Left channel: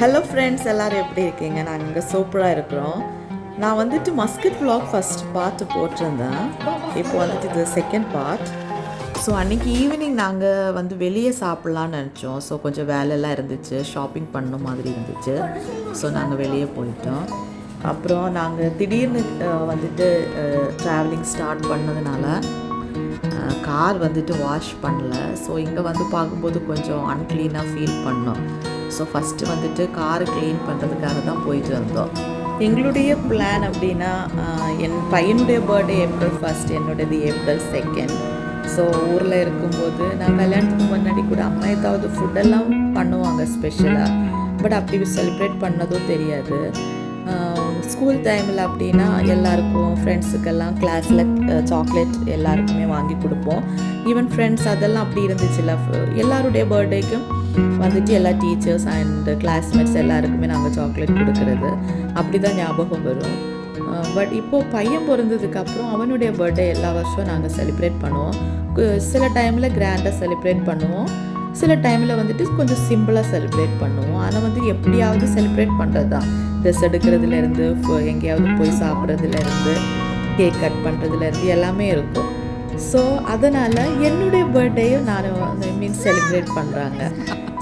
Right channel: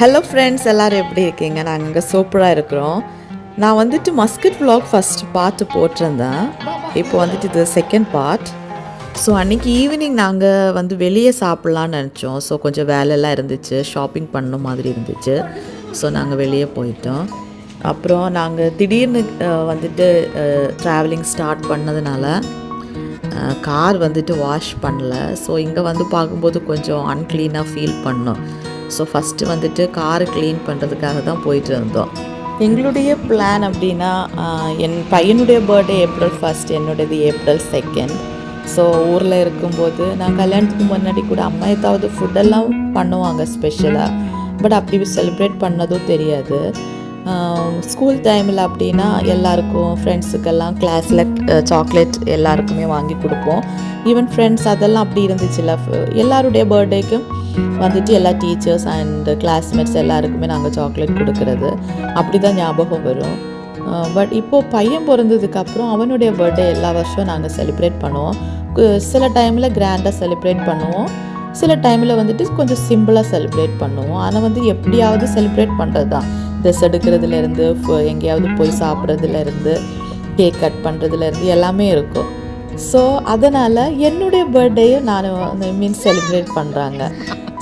Hello friends, எல்லோரும் எப்படி இருக்கீங்க? நாங்கள் இங்கே சூப்பராக இருக்கிறோம். நான் வந்துட்டு மஸ்கட் vlog ஃபஸ்ட் பார்ட் போட்டிருந்தேன். இப்போ வந்துட்டு இது செகண்ட் பார்ட். ஸோ அன்றைக்கி ஈவினிங் நாங்கள் வந்து வெளியே சாப்பிட்லான்னு நினச்சோம். ஸோ கொஞ்சம் வேலையெல்லாம் இருந்துச்சு, ஷாப்பிங் பண்ண மாதிரி இருந்துச்சு. ஸோ நாங்கள் வெளியே போயிட்டோம். அப்புறம் நாங்கள் திடீர்னு வந்துட்டு ட்ராவலிங் ஸ்டார்ட் பண்ணதுனால கார் வந்துட்டு வாஷ் பண்ணல. ஸோ இங்கே வந்து பார்க்கும்போது கொஞ்சம் அன்க்ளீனாக ஃபீல் பண்ணோம். ஸோ ஃபஸ்ட்டு வந்துட்டு காரை க்ளீன் பண்ணுறதுக்காக தான் போயிட்டு இருந்தோம். எங்களுடைய பிளான் அப்படின்னா, என் பையனுடைய பர்த்டே April 1, என்னுடையது April 2. ஸோ ஊரில் இருக்கும்போது நான் கல்யாணத்துக்கு முன்னாடி கூட அம்மா ஏதாவது ஃபுட்டெல்லாம் பண்ணுவாங்க ஸ்பெஷலாக. பட் அப்படி செலிப்ரேட் பண்ணதும் தெரியாது. ஸ்கூல் டைமில் அப்படின்னா எல்லாருக்கும் ஃப்ரெண்ட்ஸுக்கெல்லாம் கிளாஸில் சாக்லேட் எல்லாருக்குமே வாங்கி கொடுப்போம். ஈவன் ஃப்ரெண்ட்ஸ் அதெல்லாம் அப்படி இருந்துச்சுல்ல. எல்லாருடைய பர்த்டேக்கும் வந்துட்டு எல்லா டீச்சர்ஸ் அண்ட் கிளாஸ்மேட்ஸ் எல்லாருக்குமே நாங்கள் சாக்லேட் கொடுக்குறது அப்படி தான் ஞாபகம் வரும். பட் இப்போது பையன் பிறந்ததுக்கப்புறம் அவனுடைய பர்த்டே எல்லா வருஷம் நாங்கள் செலிப்ரேட் பண்ணுவோம். சில டைமில் கிராண்டாக செலிப்ரேட் பண்ணுவோம், சில டைமில் வந்துட்டு கொஞ்சம் சிம்பிளாக செலிப்ரேட் பண்ணுவோம். ஆனால் வந்து எப்படியாவது செலிப்ரேட் பண்ணுறது தான். ட்ரெஸ் எடுக்கிறதுலேருந்து எங்கேயாவது போய் சாப்பிட்றதுலேருந்து கேக் கட் பண்ணுறதுலேருந்து எல்லாமே இருக்கும். ஸோ அதனால் என்னுடைய பர்த்டேயும் நான் செலிப்ரேட் பண்ணுறாங்க.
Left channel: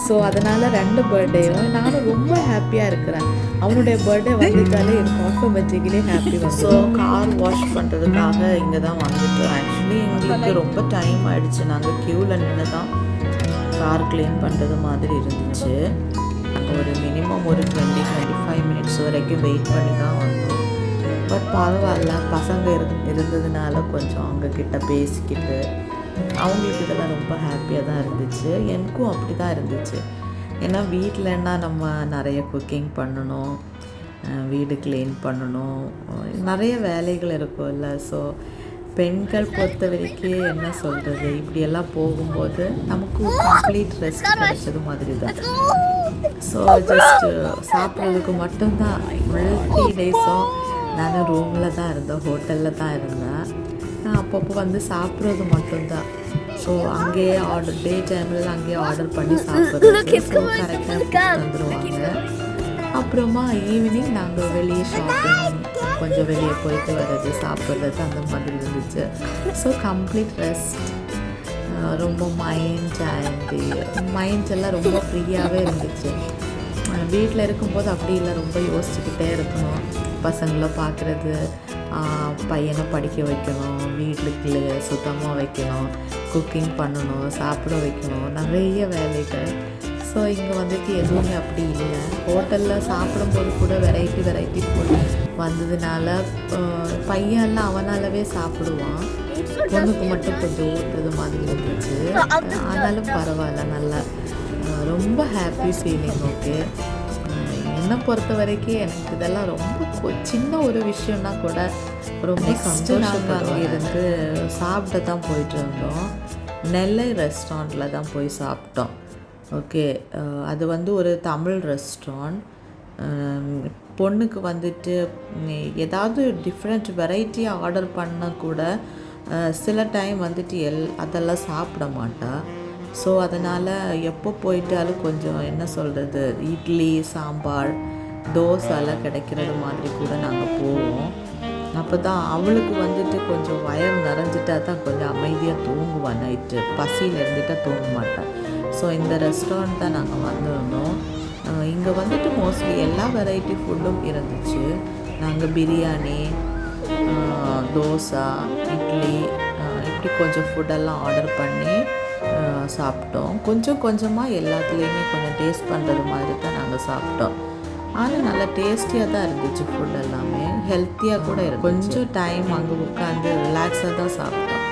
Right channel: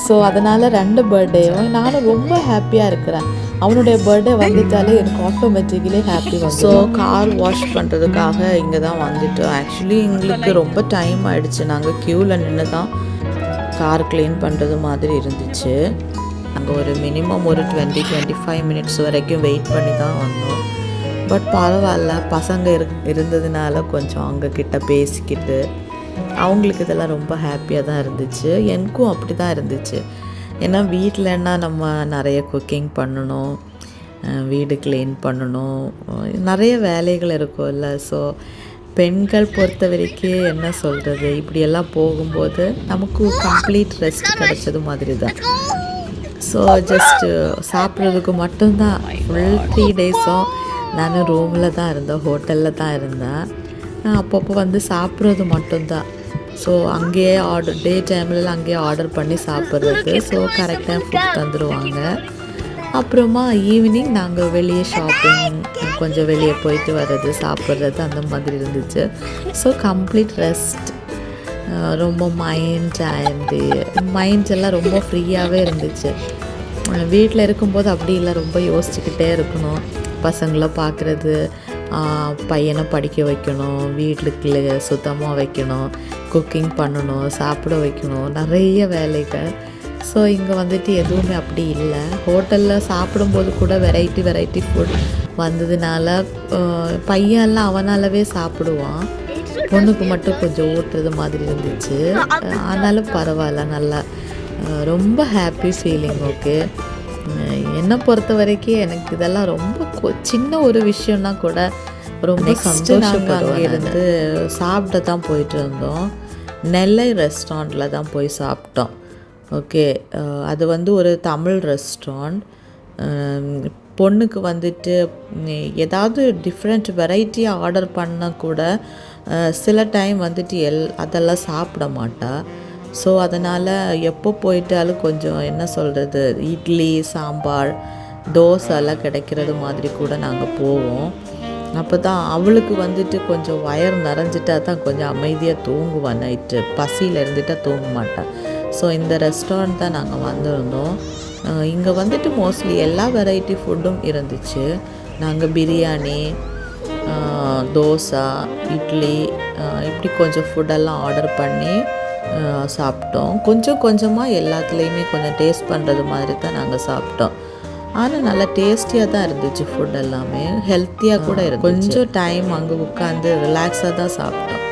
ஸோ அதனால் 2 பர்த்டேயும் நானும் ரொம்ப ஹாப்பியாக இருக்கிறேன். அவனுடைய பர்த்டே வந்துட்டாலே எனக்கு ஆட்டோமேட்டிக்கலி ஹாப்பி வந்து. ஸோ கார் வாஷ் பண்ணுறதுக்காக இங்கே தான் வந்துட்டு ஆக்சுவலி எங்களுக்கு ரொம்ப டைம் ஆகிடுச்சு. நாங்கள் க்யூவில் நின்று தான் கார் க்ளீன் பண்ணுறது மாதிரி இருந்துச்சு. நாங்கள் ஒரு மினிமம் ஒரு 20-25 மினிட்ஸ் வரைக்கும் வெயிட் பண்ணி தான் வந்தோம். பட் பரவாயில்ல, பசங்க இருந்ததுனால கொஞ்சம் அவங்கக்கிட்ட பேசிக்கிட்டு அவங்களுக்கு இதெல்லாம் ரொம்ப ஹாப்பியாக தான் இருந்துச்சு. எனக்கும் அப்படி தான் இருந்துச்சு. ஏன்னா வீட்டிலன்னா நம்ம நிறைய குக்கிங் பண்ணணும், வீடு க்ளீன் பண்ணணும், நிறைய வேலைகள் இருக்கும்ல. ஸோ பெண்கள் பொறுத்த வரைக்கும் என்ன சொல்கிறது, இப்படியெல்லாம் போகும்போது நமக்கு கம்ப்ளீட் ரெஸ்ட் கிடைச்சது மாதிரி தான். ஸோ ஜஸ்ட்டு சாப்பிட்றதுக்கு மட்டும்தான் ஃபுல் 3 டேஸும் நான் ரூமில் தான் இருந்தேன், ஹோட்டலில் தான் இருந்தேன். அப்பப்போ வந்து சாப்பிட்றது மட்டும்தான். ஸோ அங்கேயே டே டைம்லலாம் அங்கேயே ஆர்டர் பண்ணி சாப்பிட்றது. ஸோ கரெக்டாக ஃபுட் தந்துடுவாங்க. அப்புறமா ஈவினிங் நாங்கள் வெளியே ஷாப்பிங், கொஞ்சம் வெளியே போயிட்டு வர்றது, சாப்பிட்றது அந்த மாதிரி இருந்துச்சு. So complete rest. ரொம்ப மைண்ட் எல்லாம் ரொம்ப ஃப்ரீயாகவே இருந்துச்சு. வீட்டில் இருக்கும்போது அப்படி இல்லை, ரொம்ப யோசிச்சுக்கிட்டே இருக்கணும். பசங்களை பார்க்குறது, பையனை படிக்க வைக்கணும், வீட்டுக்கு சுத்தமாக வைக்கணும், குக்கிங் பண்ணணும், சாப்பிட வைக்கணும், நிறைய வேலைகள். ஸோ இங்கே வந்துட்டு எதுவுமே அப்படி இல்லை. ஹோட்டலில் சாப்பிடும்போது கூட வெரைட்டி ஃபுட் வந்ததுனால பையன்லாம் அவனாலவே சாப்பிடுவான். பொண்ணுக்கு மட்டும் கொஞ்சம் ஊட்டுறது மாதிரி இருந்துச்சு. ஆனாலும் பரவாயில்ல, நல்லா ரொம்ப ஹாப்பி ஃபீலிங். ஓகே, என்னை பொறுத்த வரைக்கும் எனக்கு இதெல்லாம் ரொம்ப சின்ன ஒரு விஷயம்னா கூட ரொம்ப சந்தோஷம். அங்கே இருந்து சாப்பிட தான் போயிட்டு இருந்தோம். நெல்லை ரெஸ்டாரண்ட்டில் தான் போய் சாப்பிட்டோம். ஓகே, அது வந்து ஒரு தமிழ் ரெஸ்டாரண்ட். பொண்ணுக்கு வந்துட்டு ஏதாவது டிஃப்ரெண்ட் வெரைட்டியாக ஆர்டர் பண்ணால் கூட சில டைம் வந்துட்டு அதெல்லாம் சாப்பிட மாட்டா. ஸோ அதனால் எப்போ போயிட்டாலும் கொஞ்சம் என்ன சொல்கிறது, இட்லி, சாம்பார், தோசைலாம் கிடைக்கிறது மாதிரி கூட நாங்கள் போவோம். அப்போ தான் அவளுக்கு வந்துட்டு கொஞ்சம் வயர் நிறைஞ்சிட்டா தான் கொஞ்சம் அமைதியாக தூங்குவான். நைட்டு பசியில் இருந்துட்டால் தூங்க மாட்டான். ஸோ இந்த ரெஸ்டாரண்ட் தான் நாங்கள் வந்திருந்தோம். இங்கே வந்துட்டு மோஸ்ட்லி எல்லா வெரைட்டி ஃபுட்டும் இருந்துச்சு. நாங்கள் பிரியாணி, தோசை, இட்லி இப்படி கொஞ்சம் ஃபுட்டெல்லாம் ஆர்டர் பண்ணி சாப்பிட்டோம். கொஞ்சமாக எல்லாத்துலேயுமே கொஞ்சம் டேஸ்ட் பண்ணுறது மாதிரி தான் நாங்கள் சாப்பிட்டோம். ஆனால் நல்லா டேஸ்டியாக தான் இருந்துச்சு. ஃபுட் எல்லாமே ஹெல்த்தியாக கூட இருந்துச்சு. கொஞ்சம் டைம் அங்கே உட்காந்து ரிலாக்ஸாக தான் சாப்பிட்டோம்.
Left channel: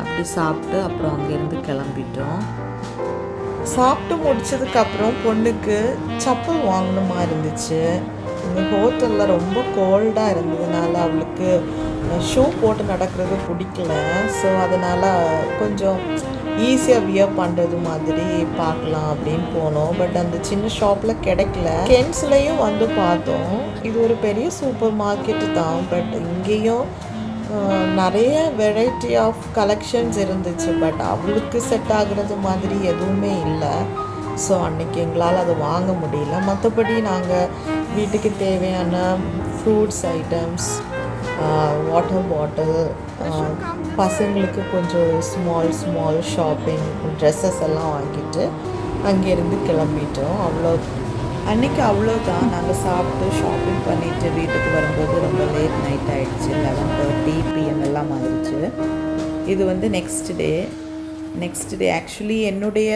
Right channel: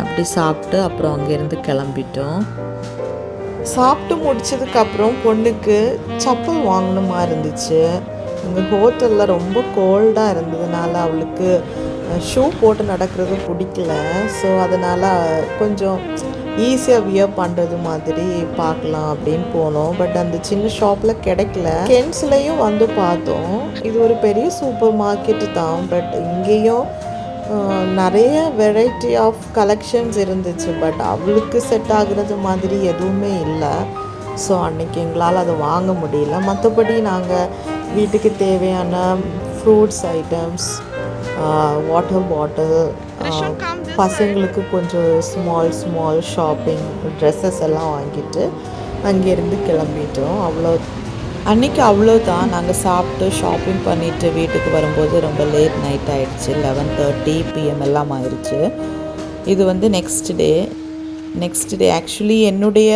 அப்படி சாப்பிட்டு அப்புறம் அங்கேருந்து கிளம்பிட்டோம். சாப்பிட்டு முடிச்சதுக்கப்புறம் பொண்ணுக்கு செப்பல் வாங்கணுமா இருந்துச்சு. இந்த ஹோட்டலில் ரொம்ப கோல்டாக இருந்ததுனால அவளுக்கு ஷூ போட்டு நடக்கிறது பிடிக்கல. ஸோ அதனால் கொஞ்சம் ஈஸியாக வியர் பண்ணுறது மாதிரி பார்க்கலாம் அப்படின்னு போனோம். பட் அந்த சின்ன ஷாப்பில் கிடைக்கல. கென்ஸ்லேயும் வந்து பார்த்தோம். இது ஒரு பெரிய சூப்பர் மார்க்கெட்டு தான். பட் இங்கேயும் நிறைய வெரைட்டி ஆஃப் கலெக்ஷன்ஸ் இருந்துச்சு. பட் அவளுக்கு செட் ஆகுறது மாதிரி எதுவுமே இல்லை. ஸோ அன்றைக்கி எங்களால் அதை வாங்க முடியல. மற்றபடி நாங்கள் வீட்டுக்கு தேவையான ஃப்ரூட்ஸ் ஐட்டம்ஸ், வாட்டர் பாட்டில், பசங்களுக்கு கொஞ்சம் ஸ்மால் ஷாப்பிங், ட்ரெஸ்ஸஸ் எல்லாம் வாங்கிட்டு அங்கேருந்து கிளம்பிட்டோம். அன்றைக்கி அவ்வளோதான். நாங்கள் சாப்பிட்டு ஷாப்பிங் பண்ணிவிட்டு வீட்டுக்கு வரும்போது ரொம்ப லேட் நைட் ஆகிடுச்சு. 11:30 PM எல்லாம் ஆயிடுச்சு. இது வந்து நெக்ஸ்ட் டே ஆக்சுவலி என்னுடைய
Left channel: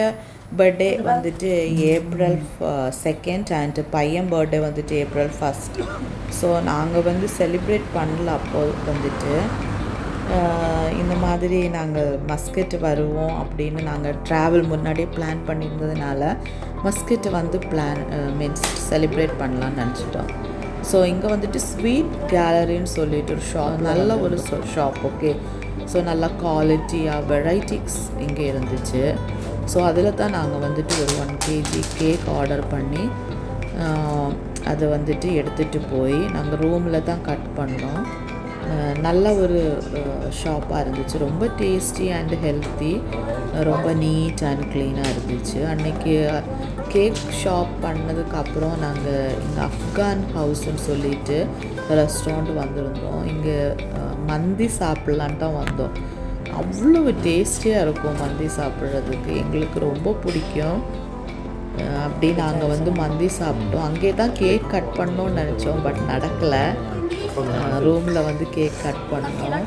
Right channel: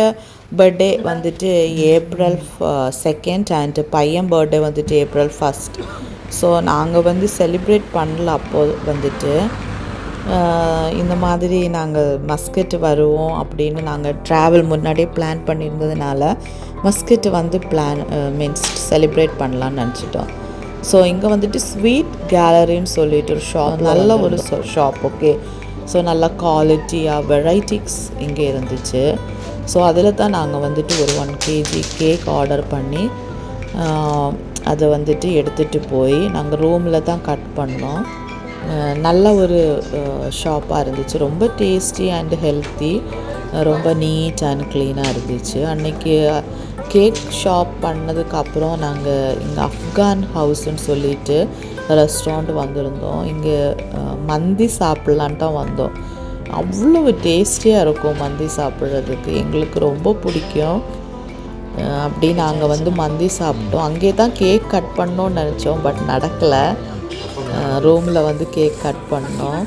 பர்த்டே வந்துட்டு April 2 அண்ட் பையன் பர்த்டே வந்துட்டு April 1. ஸோ நாங்கள் வந்து செலிப்ரேட் பண்ணல. அப்போது வந்துட்டு இந்த மாதிரி நாங்கள் மஸ்கட் வருவோம் அப்படின்னு நாங்கள் ட்ராவல் முன்னாடியே பிளான் பண்ணியிருந்ததுனால மஸ்கட் வந்து மீன்ஸ் செலிப்ரேட் பண்ணலான்னு நினச்சிட்டோம். ஸோ இங்கே வந்துட்டு ஸ்வீட் கேலரின்னு சொல்லிட்டு ஒரு ஷாப், நல்ல ஒரு ஷாப். ஓகே, ஸோ நல்ல குவாலிட்டியாக வெரைட்டிஸ் இங்கே இருந்துச்சு. ஸோ அதில் தான் நாங்கள் வந்துட்டு ஒரு 1 kg கேக் ஆர்டர் பண்ணி அதை வந்துட்டு எடுத்துகிட்டு போய் நாங்கள் ரூமில் தான் கட் பண்ணோம். நல்ல ஒரு ஷாப்பாக இருந்துச்சு. ரொம்ப டேஸ்டி அண்ட் ஹெல்த்தி, ரொம்ப நீட் அண்ட் க்ளீனாக இருந்துச்சு. அன்றைக்கி கேக் ஷாப் பண்ணதுக்கப்புறம் நாங்கள் இங்கே அஃப்கான் ஹவுஸ்ன்னு சொல்லிட்டு ரெஸ்டாரண்ட் வந்திருந்தோம். இங்கே மந்தி சாப்பிட்லான் தான் வந்தோம். அவ்வளோ டேஸ்டியாக இருக்கும் மந்தி சாப்பிட்றதுக்கு, எங்களுக்கு ரொம்ப பிடிக்கும். அப்படி நாங்கள் வந்து மந்தி சாப்பிட்டோம். அங்கே தான் கேக் கட் பண்ணோன்னு நினச்சோம், பட் நடக்கலை. ரூமில் வந்து கேக் கட் பண்ணோம்.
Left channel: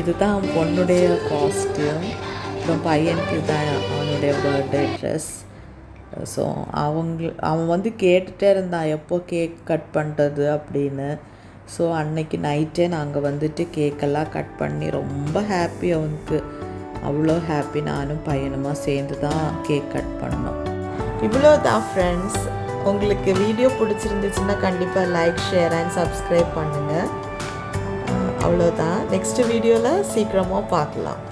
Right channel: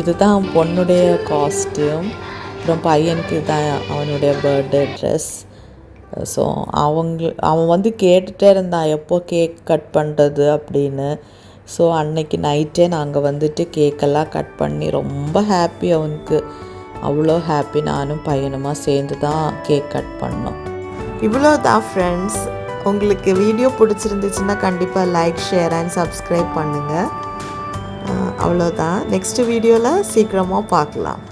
இதுதான் பொண்ணுடைய காஸ்டியூம், அப்புறம் பையனுக்கு தான் அவனுடைய பர்த்டே ட்ரெஸ். ஸோ அவன் வந்து கேட்டுகிட்டே இருந்தான் எப்போ கேக் கட் பண்ணுறது அப்படின்னு. ஸோ அன்னைக்கு நைட்டே நாங்கள் வந்துட்டு கேக்கெல்லாம் கட் பண்ணி ரொம்ப ஹாப்பி. அவனுக்கு அவ்வளோ ஹாப்பி. நானும் பையனுமா சேர்ந்து தான் கேக் கட் பண்ணோம். இவ்வளோ தான் ஃப்ரெண்ட்ஸ். உங்களுக்கு வீடியோ பிடிச்சிருந்துச்சுன்னா கண்டிப்பாக லைக், ஷேர் அண்ட் சப்ஸ்கிரைப் பண்ணுங்கள். அவ்வளோதான். நெக்ஸ்ட் வீடியோவில் சீக்கிரமாக பார்க்கலாம்.